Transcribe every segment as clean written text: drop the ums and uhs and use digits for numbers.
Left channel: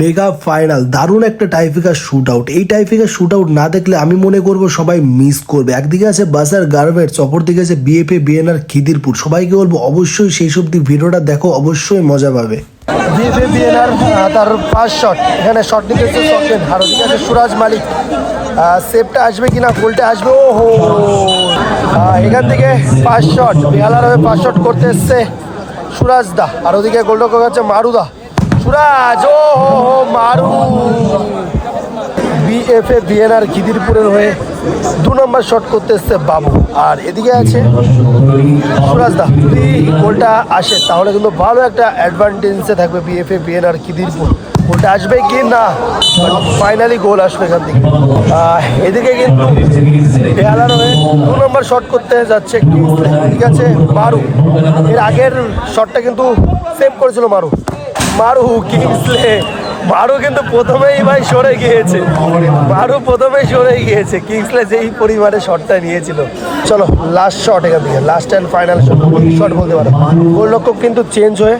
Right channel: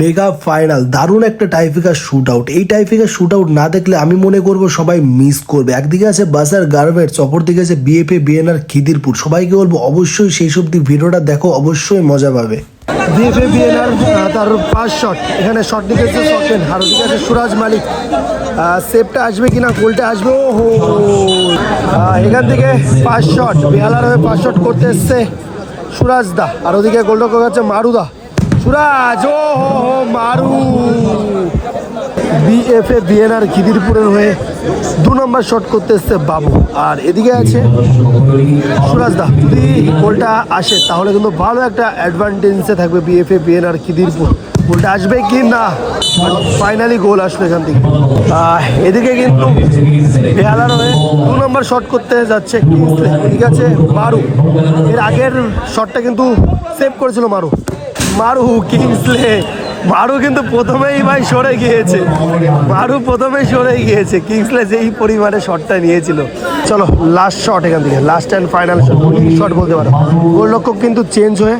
Mega final দারুণ একটা টাইফিকার shoot out. এই টাইফিকার শুট আউট না দেখলে আমি মনে করব সবাই মিস করবে। একদিকে আছে বাজার গার্মেন্টস, অপরদিকে আছে বিএফএ বিএনআর খিদিরপুর। সবাইকে বলবো অবশ্যই সেই সব ভিডিওটা দেখো, অবশ্যই মজা পাবে। বিএফএ বিএনআর তার 5 শট, এখানে শট নিয়েছে সকেন, আর ওদিকে সুরাজ মালিক। সেভটা আসবে কিনা, গোলটা আসবে। ও হো, এখান থেকে 5 শট, বেহালার হয়ে 5 শট করতে এসছে সুরাজ দা, আর ওদিকে গোলরক্ষক আছে মারুদা। সুরাজ, ও হো মারু। বিএফএ বিএনআর খিদিরপুরের হয়ে 2 নম্বর শট করতে এসছে বাবু, আর এদিকে আছে সুরাজ দা। যদি গোলটা আসে তাহলে কিন্তু ভালো একটা অ্যাডভান্টেজে থাকবে বিএফএ বিএনআর খিদিরপুর। গোলটা আসবে কি না, ফাইনালি গোল আসবে এখান থেকে। এদিকে কিন্তু বেহালার হয়ে 2 নম্বর শট করতে যাচ্ছে, ঠিক আছে মারু। এর আগের শটটা কিন্তু সেভ করেছিল মারু। কিংসলে মারু কিন্তু প্রথমেই ভাই সরে গিয়েছে, কিংসলে যেই পরিমাণে শটটা নিয়েছিল। চলো লাস্ট শট, এখান থেকে লাস্ট অ্যান্ড ফাইনাল শট বলতে পারো। গোলরক্ষক কিন্তু চেঞ্জ হয়ে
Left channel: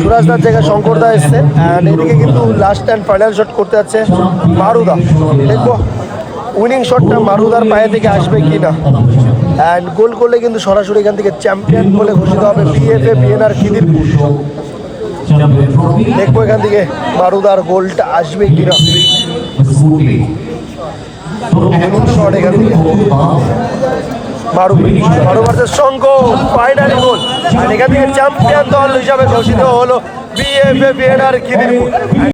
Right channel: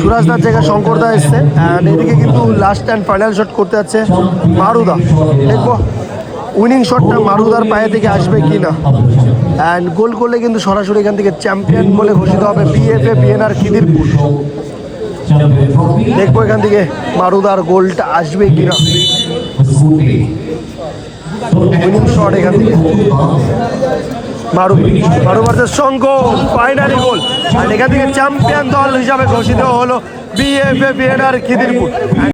সুরাজদার জায়গায় শঙ্করদা এসছে, অ্যান্ড এদিকে কিন্তু লাস্ট অ্যান্ড ফাইনাল শট করতে যাচ্ছে মারুদা। দেখবো উইনিং শটটা মারুদার পায়ে থেকে আসবে কি না, অ্যান্ড গোল করলে কিন্তু সরাসরি এখান থেকে চ্যাম্পিয়ন বলে ঘোষিত হবে বিএফএ বিএনআর খিদিরপুর। দেখবো এখান থেকে মারুদার গোলটা আসবে কিনা। ফাইনালি গোল, আর এখান থেকে চ্যাম্পিয়ন দল হিসাবে ঘোষিত হলো বিএফএ বিএনআর খিদিরপুর।